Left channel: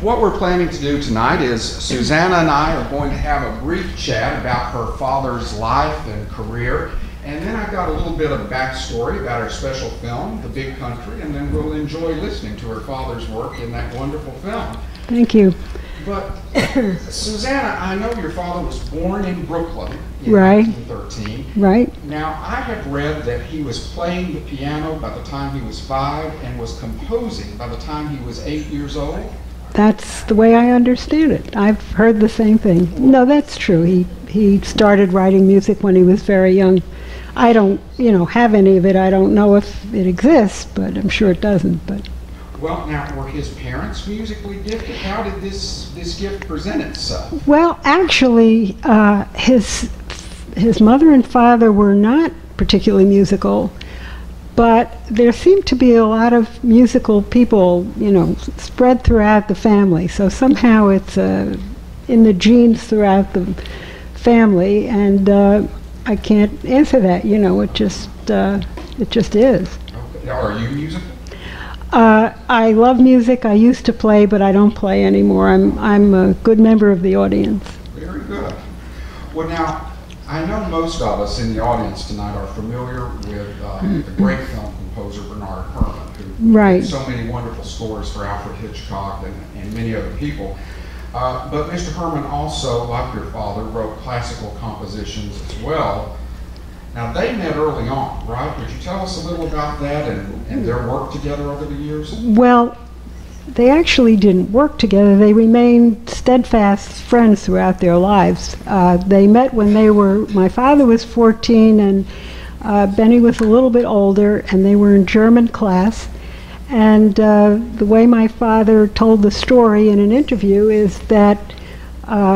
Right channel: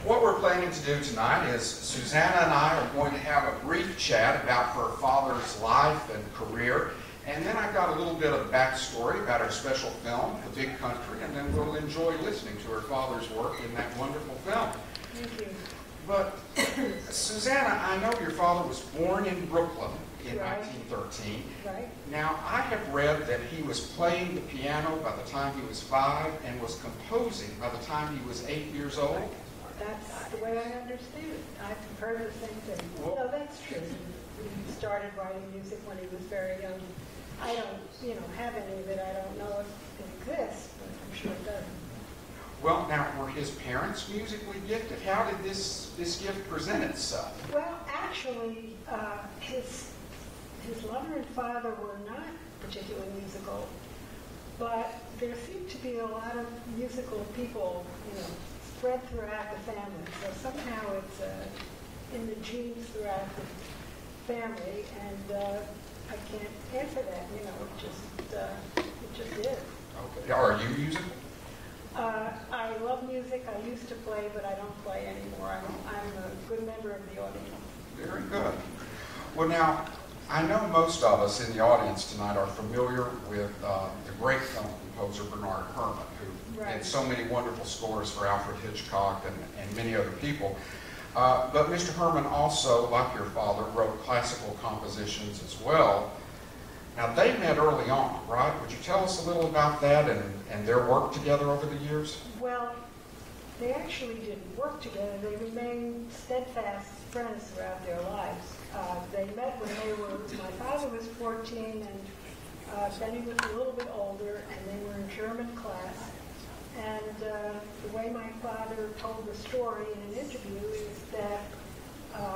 What we're planning to do tonight is Susanna and I are going to have a brief chat about her father's life and career, and then I've got a little bit of backstory about her special film, The Big Country, and then we'll enjoy listening to her father's work in that wonderful film. Thank you. But Susanna, I know your father was born in Brooklyn in Right. 1913. Right. Now, I have read that he was playing the piano by the time he was 5 and was composing by the time he was 8 years old. That's the way I understand it. I've heard the same thing. No, that's true. He started writing music when he was very young. I don't, have any of it. I don't know if it exists, but I'm sure it doesn't. But well, now, were his parents musically gifted? How did this gift present itself? well, actually, his mother and father were not particularly musical, but there seemed to be a lot of musical people, spread throughout the family. So somehow it's in the genes throughout the family, and I can't answer that. It just is. Okay. Are you musical? I love music. I used to play, but I don't play anymore. I'm a good member of the audience. Very good. Well, now, I know most of us in the audience tonight are familiar with the great film composer Bernard Herrmann, who Right. did so many wonderful scores for Alfred Hitchcock and many other people. But Mr. Herrmann also, like your father, wrote classical compositions as well. Now, they met early on, right? Would you tell us a little about that and their work together over the years? Well, they actually didn't work together. They remained steadfast friends throughout their lives. They met when my father was 14 and Benny was a little bit older, and they were in German class. And the way my father told the story in an interview is that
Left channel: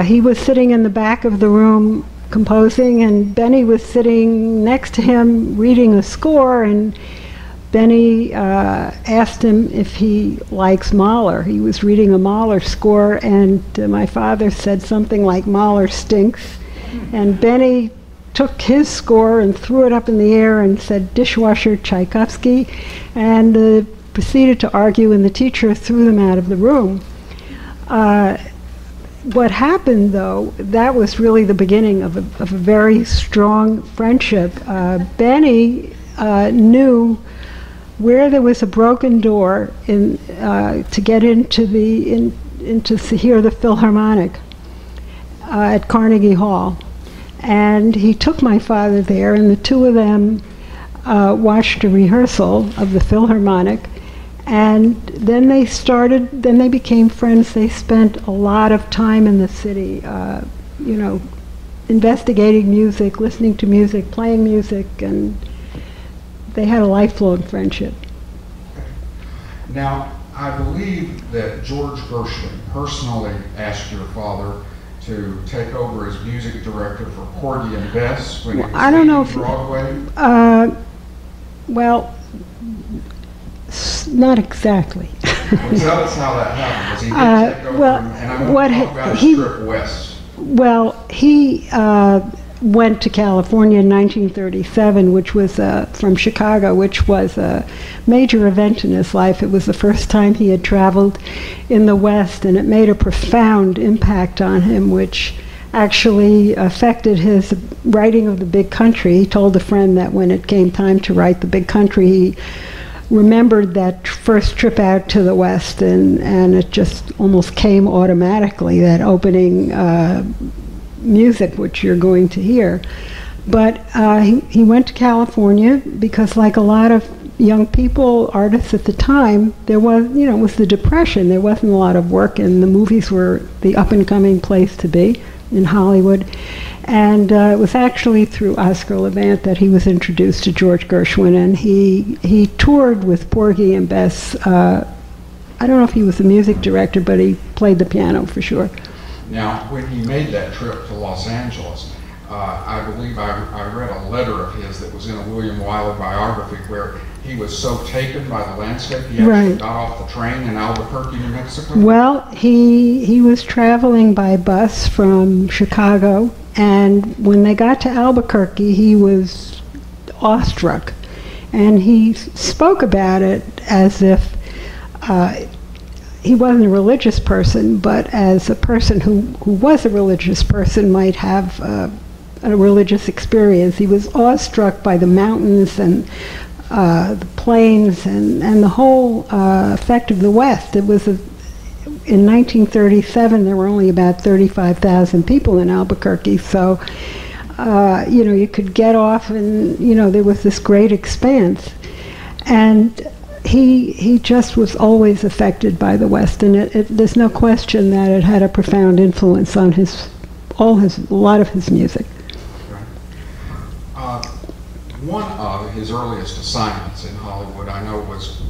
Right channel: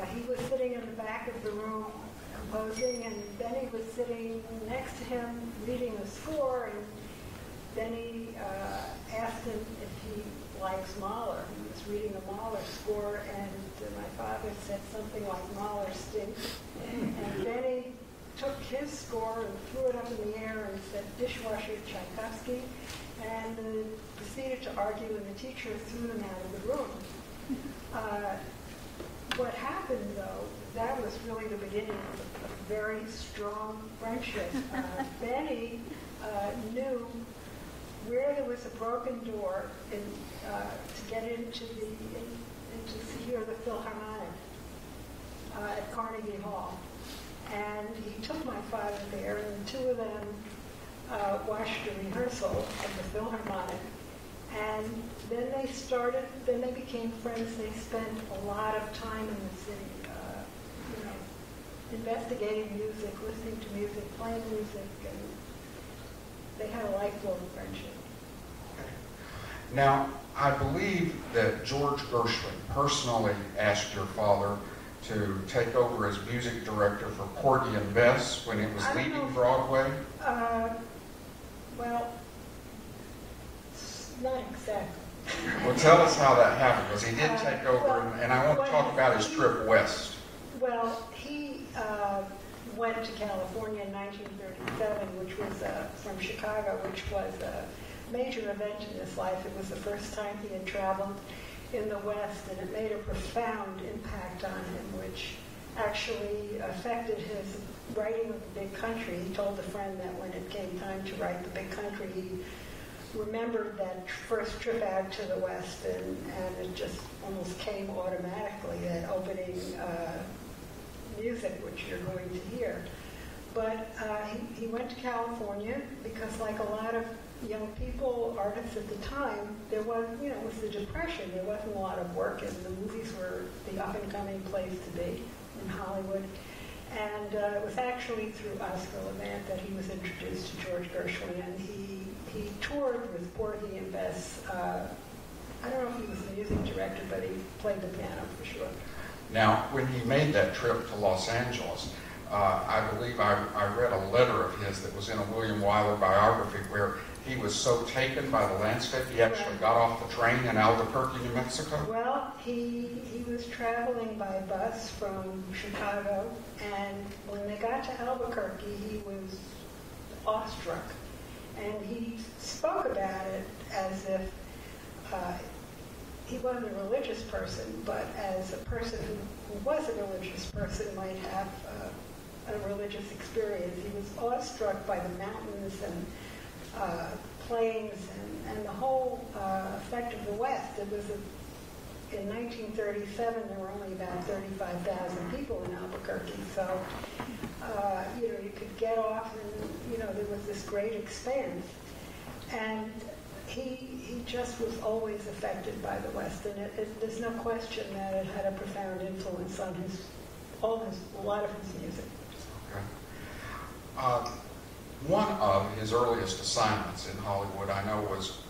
he was sitting in the back of the room composing, and Benny was sitting next to him reading a score, and Benny asked him if he likes Mahler. He was reading a Mahler score, and my father said something like, "Mahler stinks." And Benny took his score and threw it up in the air and said, "Dishwasher Tchaikovsky," and proceeded to argue, and the teacher threw them out of the room. What happened, though, that was really the beginning of a very strong friendship. Benny knew where there was a broken door to get into to hear the Philharmonic at Carnegie Hall. And he took my father there, and the two of them watched a rehearsal of the Philharmonic. And then they became friends. They spent a lot of time in the city, investigating music, listening to music, playing music, and they had a lifelong friendship. Now, I believe that George Gershwin personally asked your father to take over as music director for Porgy and Bess when he was leaving Broadway. Well, not exactly. Well, tell us how that happened, because he did take over, and I want to talk about his trip west. Well, he went to California in 1937, which was from Chicago, which was a major event in his life. It was the first time he had traveled in the West, and it made a profound impact on him, which actually affected his writing of The Big Country. He told a friend that when it came time to write The Big Country, he remembered that first trip out to the West, and it just almost came automatically, that opening music which you're going to hear. But he went to California because, like a lot of young people, artists at the time, there was, it was the Depression. There wasn't a lot of work, and the movies were the up-and-coming place to be in Hollywood. And it was actually through Oscar Levant that he was introduced to George Gershwin, and he toured with Porgy and Bess. I don't know if he was the music director, but he played the piano for sure. Now, when he made that trip to Los Angeles, I believe I read a letter of his that was in a William Wyler biography where he was so taken by the landscape he actually got off the train in Albuquerque, New Mexico. Well, he was traveling by bus from Chicago, and when they got to Albuquerque, he was awestruck. And he spoke about it as if he wasn't a religious person, but as a person who was a religious person might have a religious experience, he was awestruck by the mountains and the plains and the whole effect of the West. It was in 1937, there were only about 35,000 people in Albuquerque, so you know, you could get off and, you know, there was this great expanse. And he just was always affected by the West, and there's no question that it had a profound influence on a lot of his music. Right. One of his earliest assignments in Hollywood, I know, was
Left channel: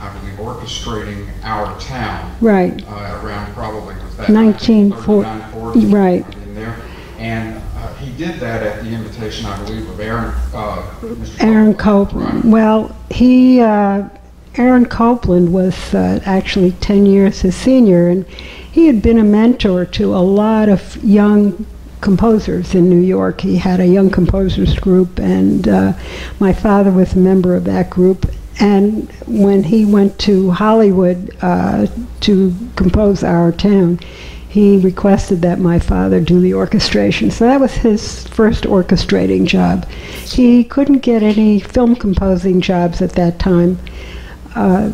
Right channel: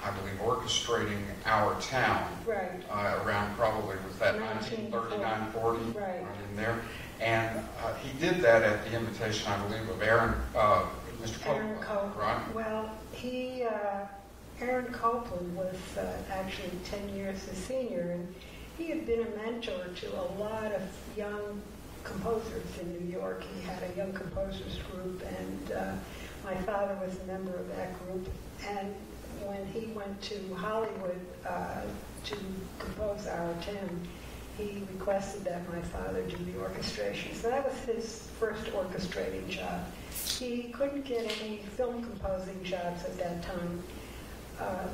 I believe orchestrating Our Town. Right. Around probably was that 1939, 40, right in there, and he did that at the invitation, I believe, of Mr. Aaron Copland. Right? Well, Aaron Copland was actually 10 years his senior, and he had been a mentor to a lot of young composers in New York. He had a young composers group, and my father was a member of that group. And when he went to Hollywood to compose Our Town, he requested that my father do the orchestration. So that was his first orchestrating job. He couldn't get any film composing jobs at that time,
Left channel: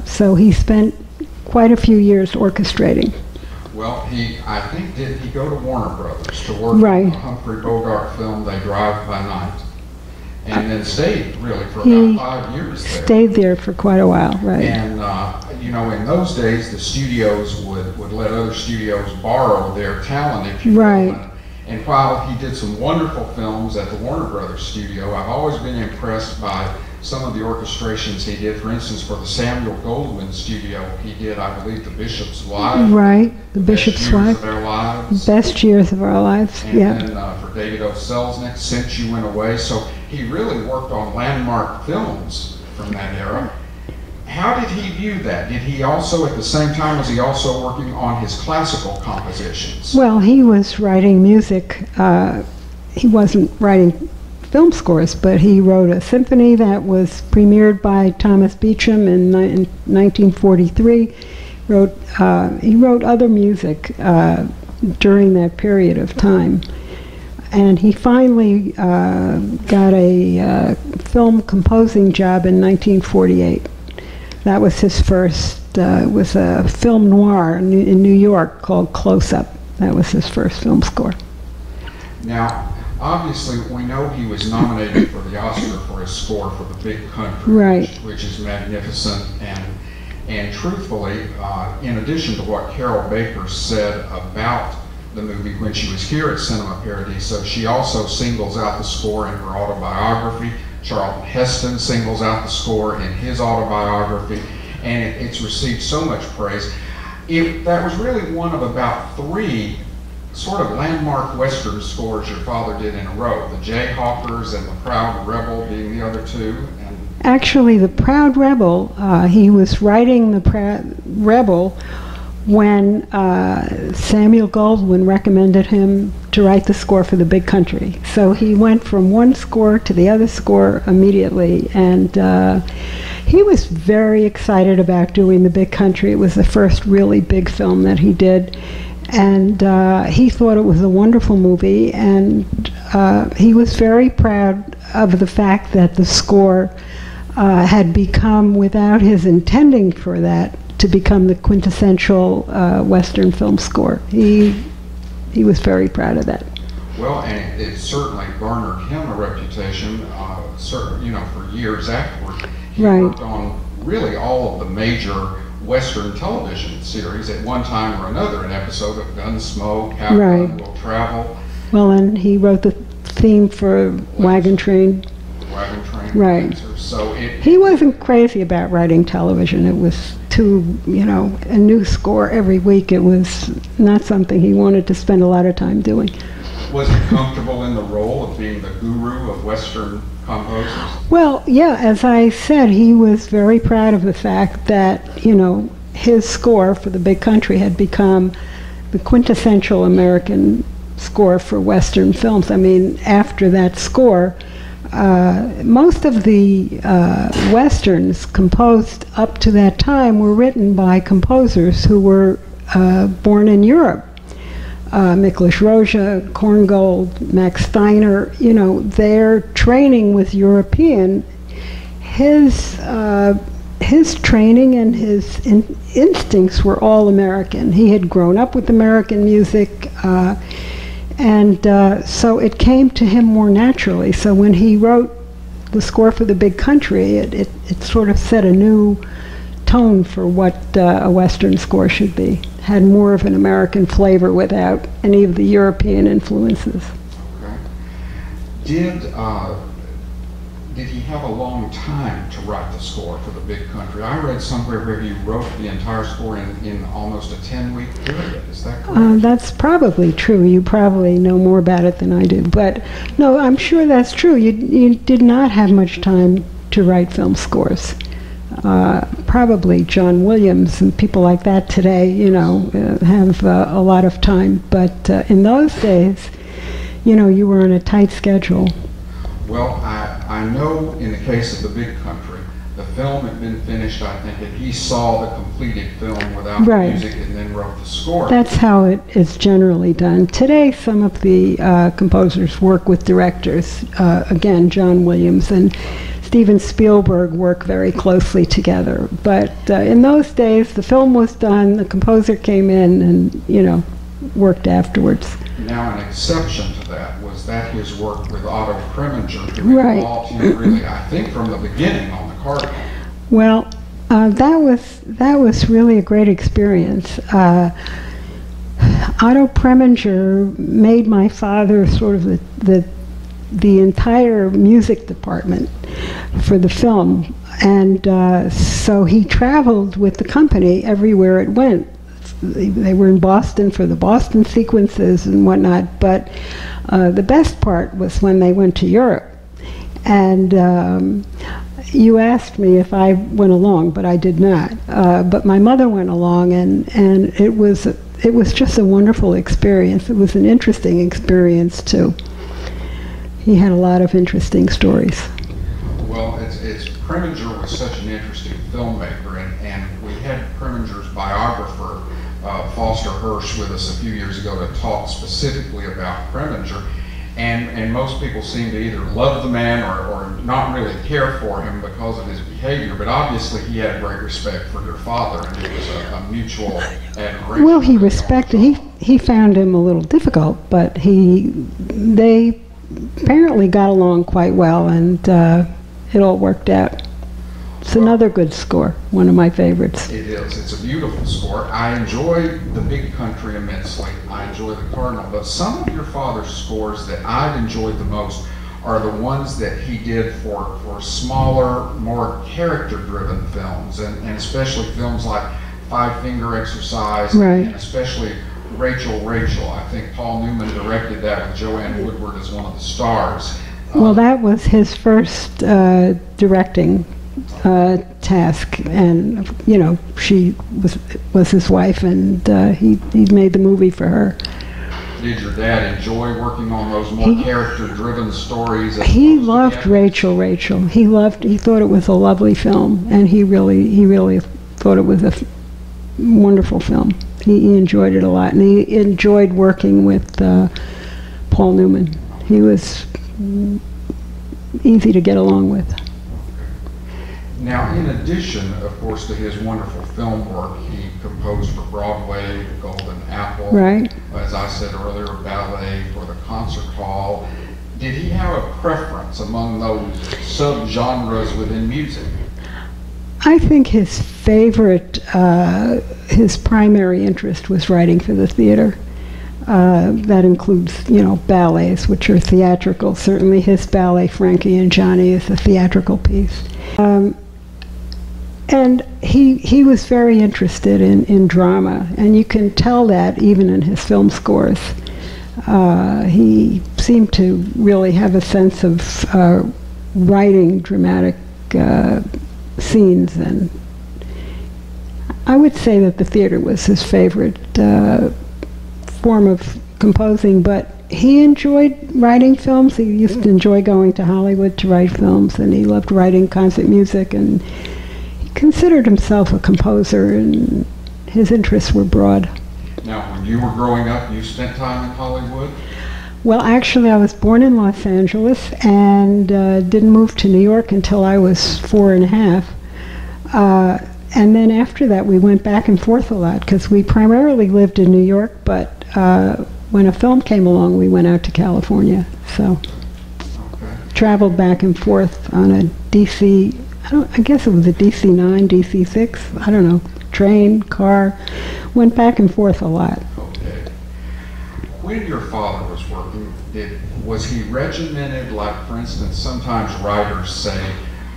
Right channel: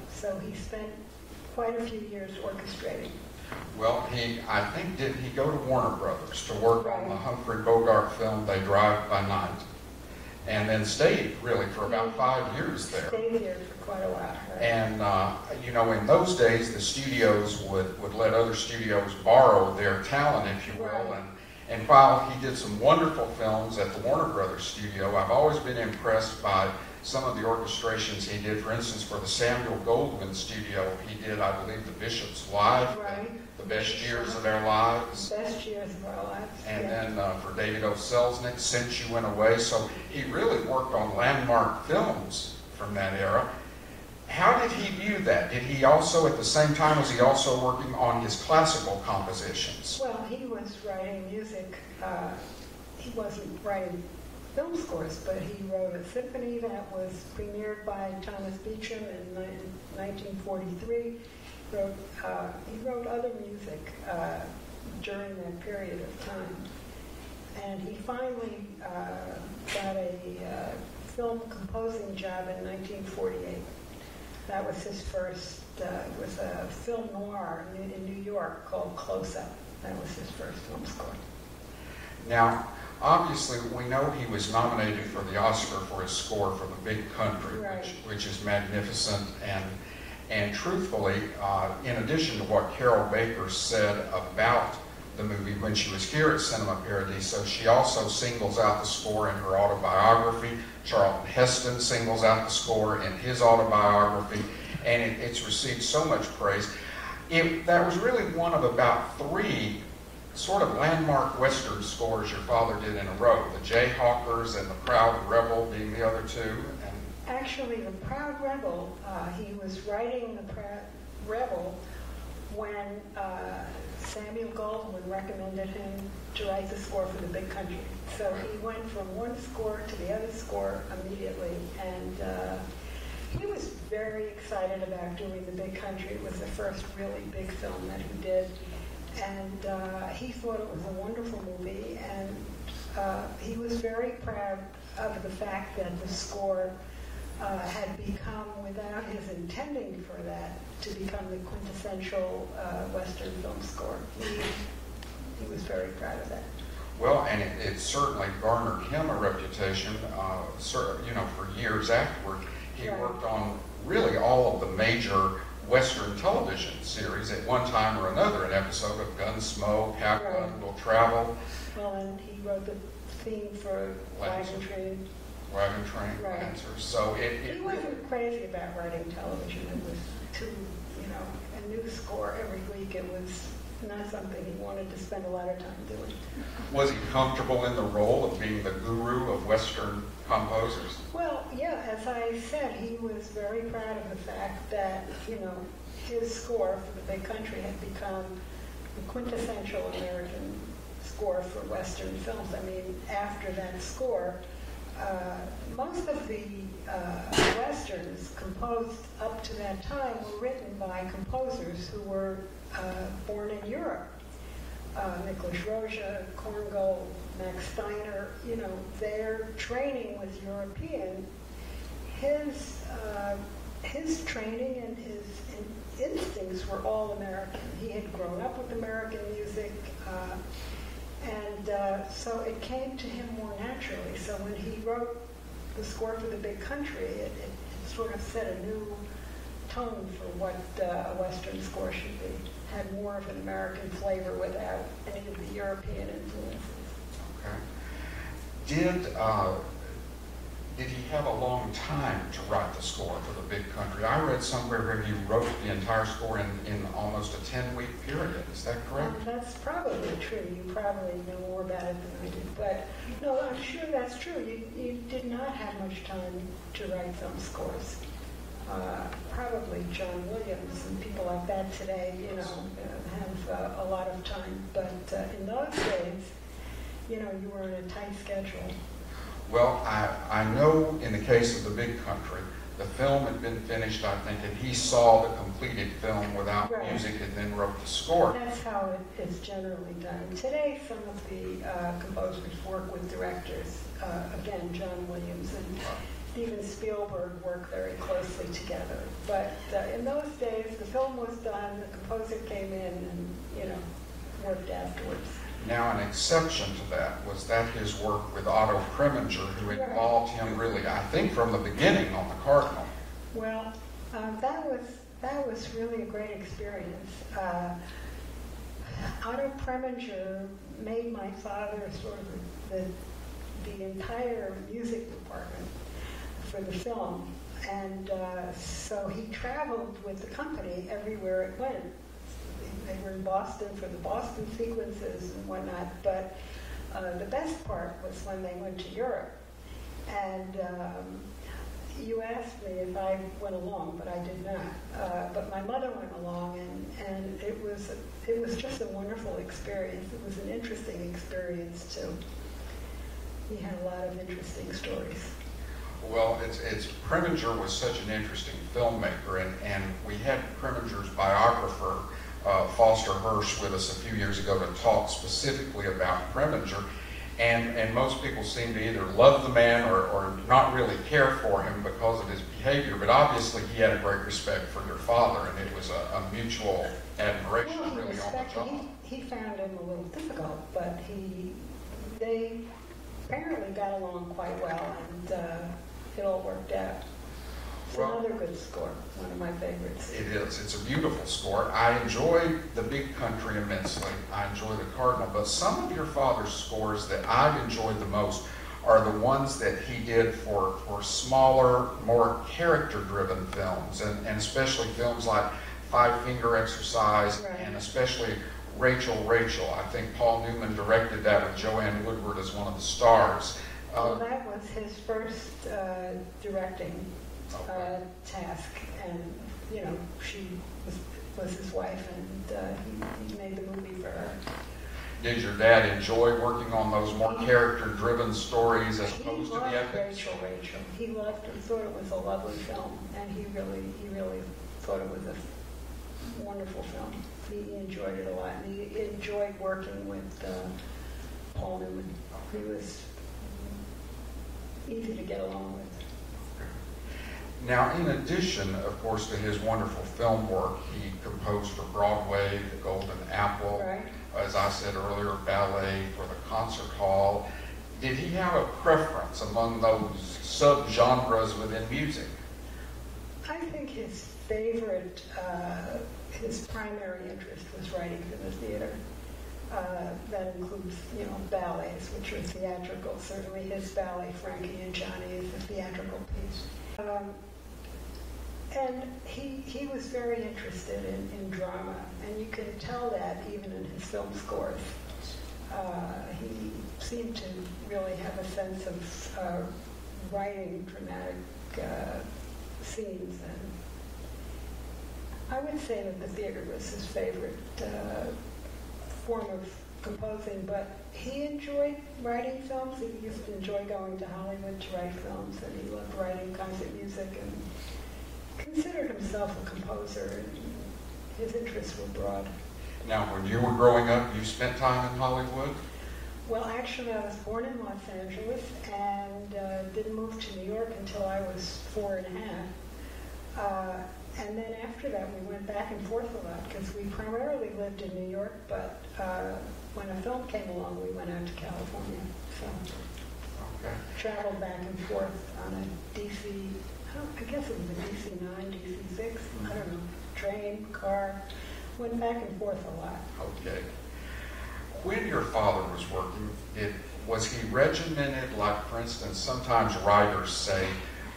so he spent quite a few years orchestrating. Well, I think, did he go to Warner Brothers to work Right. on a Humphrey Bogart film, They Drive by Night, and then stayed really for about 5 years there. Stayed there for quite a while, right. And, you know, in those days, the studios would let other studios borrow their talent, if you will. Right. And while he did some wonderful films at the Warner Brothers studio, I've always been impressed by some of the orchestrations he did. For instance, for the Samuel Goldwyn studio, he did, I believe, The Bishop's Wife. Right, The Bishop's Best Years Wife. of Their Lives. Best Years of Our Lives, And yeah. then for David O. Selznick, Since You Went Away. So he really worked on landmark films from that era. How did he view that? Did he also, at the same time, was he also working on his classical compositions? Well, he was writing music. He wasn't writing film scores, but he wrote a symphony that was premiered by Thomas Beecham in 1943. He wrote other music during that period of time. And he finally got a film composing job in 1948. That was his first, it was a film noir in New York called Close Up. That was his first film score. Now, obviously, we know he was nominated for the Oscar for his score for The Big Country, Right. which is magnificent. And truthfully, in addition to what Carol Baker said about the movie when she was here at Cinema Paradiso, she also singles out the score in her autobiography. Charlton Heston singles out the score in his autobiography, and it's received so much praise. That was really one of about 3 sort of landmark Western scores your father did in a row, the Jayhawkers and the Proud Rebel being the other 2. And Actually, the Proud Rebel, he was writing the Proud Rebel when Samuel Goldwyn recommended him to write the score for The Big Country. So he went from one score to the other score immediately, and he was very excited about doing The Big Country. It was the first really big film that he did, and he thought it was a wonderful movie, and he was very proud of the fact that the score had become, without his intending for that, to become the quintessential Western film score. He was very proud of that. well, and it certainly garnered him a reputation, for years afterward. He Right. worked on really all of the major Western television series at one time or another, an episode of Gunsmoke, How Right. Gun Will Travel, Well, and he wrote the theme for Wagon Train. Wagon Train, Right. Dancer. So He wasn't crazy about writing television. It was a new score every week. It was not something he wanted to spend a lot of time doing. was he comfortable in the role of being the guru of Western composers? Well, yeah, as I said, he was very proud of the fact that, his score for The Big Country had become the quintessential American score for Western films. I mean, after that score, most of the westerns composed up to that time were written by composers who were born in Europe. Miklos Rozsa, Korngold, Max Steiner, you know, their training was European. His training and his instincts were all American. He had grown up with American music, and so it came to him more naturally. So when he wrote the score for The Big Country, it sort of set a new tone for what a Western score should be. Had more of an American flavor without any of the European influences. Okay. Did he have a long time to write the score for The Big Country? I read somewhere where he wrote the entire score in almost a 10-week period. Is that correct? That's probably true. You probably know more about it than I do. But no, I'm sure that's true. You did not have much time to write film scores. Probably John Williams and people like that today, you know, have a lot of time. But in those days, you know, you were on a tight schedule. Well, I know in the case of The Big Country, the film had been finished, I think, and he saw the completed film without music and then wrote the score. That's how it is generally done. Today, some of the composers work with directors. Again, John Williams and Steven Spielberg work very closely together. But in those days, the film was done, the composer came in and, you know, worked afterwards. Now, an exception to that was that his work with Otto Preminger, who involved him really, I think, from the beginning on the Cardinal. Well, that was really a great experience. Otto Preminger made my father sort of the entire music department for the film, and so he traveled with the company everywhere it went. They were in Boston for the Boston sequences and whatnot, but the best part was when they went to Europe. And you asked me if I went along, but I did not. But my mother went along, and it was just a wonderful experience. It was an interesting experience too. He had a lot of interesting stories. Well, Preminger was such an interesting filmmaker, and we had Preminger's biographer, Foster Hirsch, with us a few years ago to talk specifically about Preminger, and most people seem to either love the man or not really care for him because of his behavior, but obviously he had a great respect for your father, and it was a mutual admiration. Well, he respected, he found him a little difficult, but they apparently got along quite well, and it all worked out. It's another good score, one of my favorites. It is. It's a beautiful score. I enjoy The Big Country immensely. I enjoy The Cardinal, but some of your father's scores that I've enjoyed the most are the ones that he did for smaller, more character-driven films, and especially films like Five Finger Exercise, and especially Rachel, Rachel. I think Paul Newman directed that with Joanne Woodward as one of the stars. Well, that was his first directing task, and you know, she was his wife, and he made the movie for her. Did your dad enjoy working on those more character-driven stories? He loved Rachel, Rachel. He thought it was a lovely film, and he really thought it was a wonderful film. He enjoyed it a lot, and he enjoyed working with Paul Newman. He was easy to get along with. Now, in addition, of course, to his wonderful film work, he composed for Broadway, The Golden Apple, as I said earlier, ballet for the concert hall. Did he have a preference among those sub-genres within music? I think his favorite, his primary interest was writing for the theater. That includes, you know, ballets, which are theatrical. Certainly his ballet, Frankie and Johnny, is a theatrical piece. And he was very interested in drama, and you can tell that even in his film scores. He seemed to really have a sense of writing dramatic scenes, and I would say that the theater was his favorite form of composing, but he enjoyed writing films. He used to enjoy going to Hollywood to write films, and he loved writing concert music, and he considered himself a composer, and his interests were broad. Now, when you were growing up, you spent time in Hollywood? Well, actually, I was born in Los Angeles and didn't move to New York until I was 4 and a half. And then after that, we went back and forth a lot, because we primarily lived in New York, but when a film came along, we went out to California. So traveled back and forth on a DC, I guess it was a DC-9, DC-6, I don't know, train, car, went back and forth a lot. Okay. When your father was working, was he regimented, like, for instance, sometimes writers say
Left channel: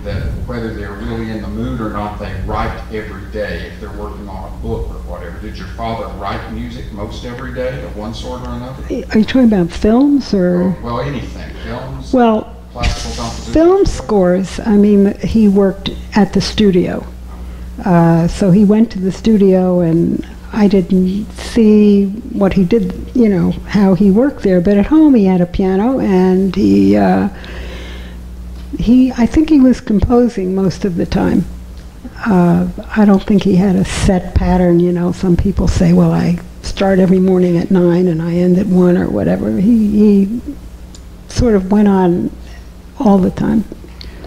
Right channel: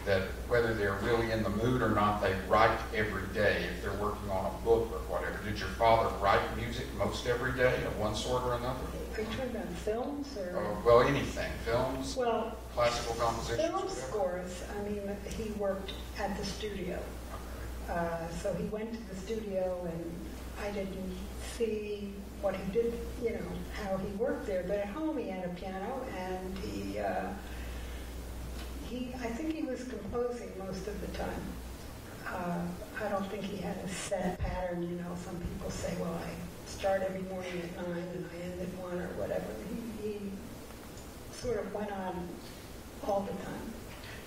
that whether they're really in the mood or not, they write every day if they're working on a book or whatever. Did your father write music most every day of one sort or another? Are you talking about films or? Well, anything. Films? Well, classical compositions? Film scores, I mean, he worked at the studio. So he went to the studio, and I didn't see what he did, you know, how he worked there. But at home he had a piano, and I think he was composing most of the time. I don't think he had a set pattern, you know. Some people say, well, I start every morning at 9 and I end at 1 or whatever. He sort of went on all the time.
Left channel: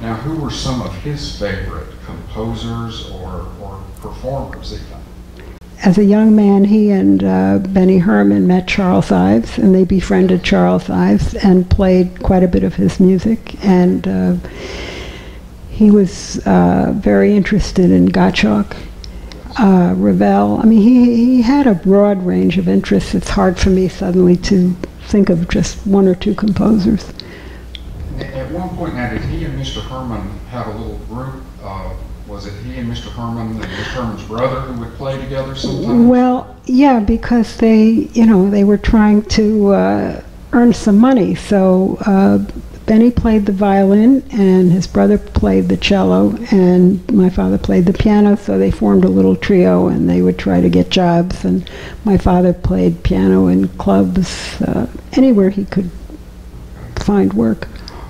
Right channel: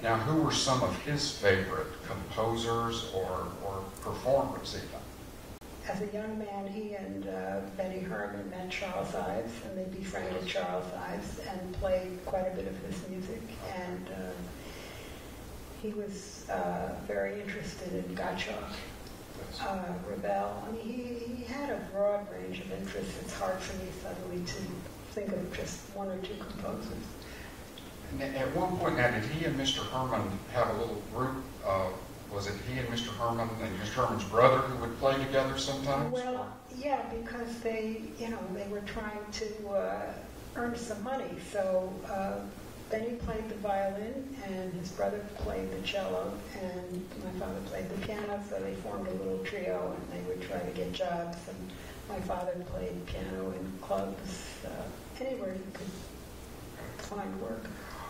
Now, who were some of his favorite composers or performers even? As a young man, he and Benny Herman met Charles Ives, and they befriended Charles Ives and played quite a bit of his music. And he was very interested in Gottschalk, Ravel. I mean, he had a broad range of interests. It's hard for me suddenly to think of just one or two composers. At one point now, did he and Mr. Herman have a little group? Was it he and Mr. Herman and Mr. Herman's brother who would play together sometimes? Well, yeah, because they were trying to earn some money. So Benny played the violin, and his brother played the cello, and my father played the piano. So they formed a little trio, and they would try to get jobs. And my father played piano in clubs, anywhere he could find work.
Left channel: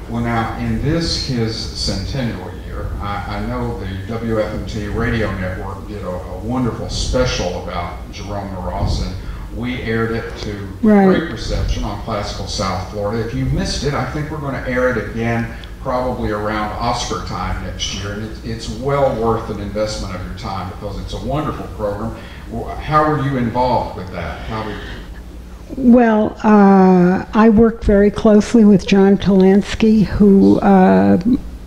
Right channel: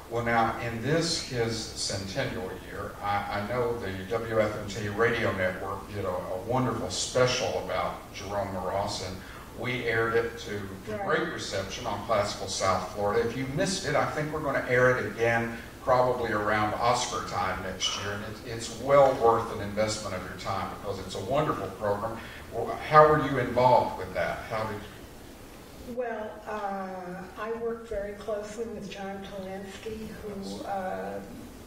Well, now, in this, his centennial year, I know the WFMT radio network did a wonderful special about Jerome Moross, and we aired it to great reception on Classical South Florida. If you missed it, I think we're going to air it again probably around Oscar time next year, and it's well worth an investment of your time because it's a wonderful program. How were you involved with that? Well, I worked very closely with John Talansky, who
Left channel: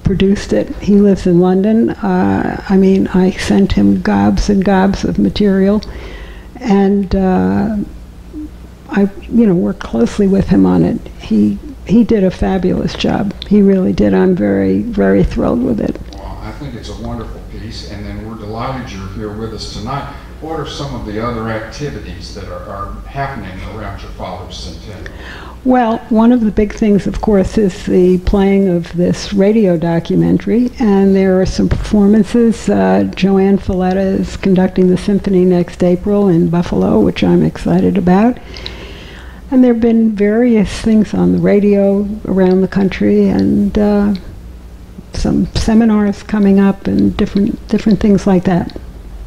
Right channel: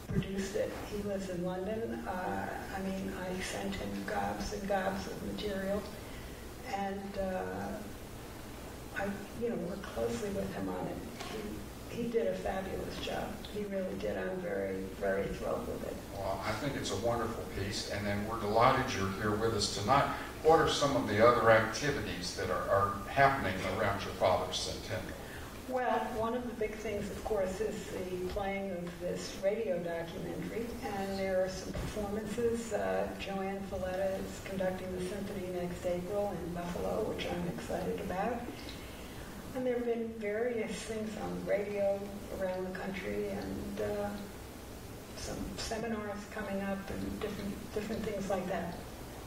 produced it. He lives in London. I mean, I sent him gobs and gobs of material, and I, worked closely with him on it. He did a fabulous job. He really did. I'm very, very thrilled with it. Well, I think it's a wonderful piece, and then we're delighted you're here with us tonight. What are some of the other activities that are happening around your father's centennial? Well, one of the big things, of course, is the playing of this radio documentary, and there are some performances. Joanne is conducting the symphony next April in Buffalo, which I'm excited about. And there have been various things on the radio around the country, and some seminars coming up, and different things like that.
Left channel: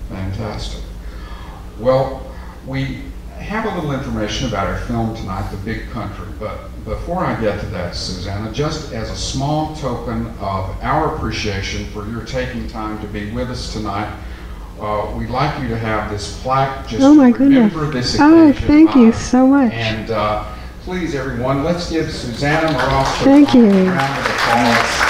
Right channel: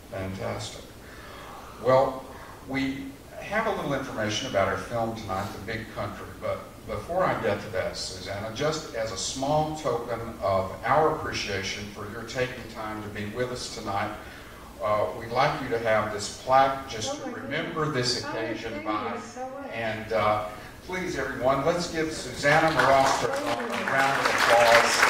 Fantastic. Well, we have a little information about our film tonight, The Big Country, but before I get to that, Susanna, just as a small token of our appreciation for your taking time to be with us tonight, we'd like you to have this plaque just to remember this occasion. Oh, thank you so much. And please, everyone, let's give Susanna Moross Tarjan a round of applause.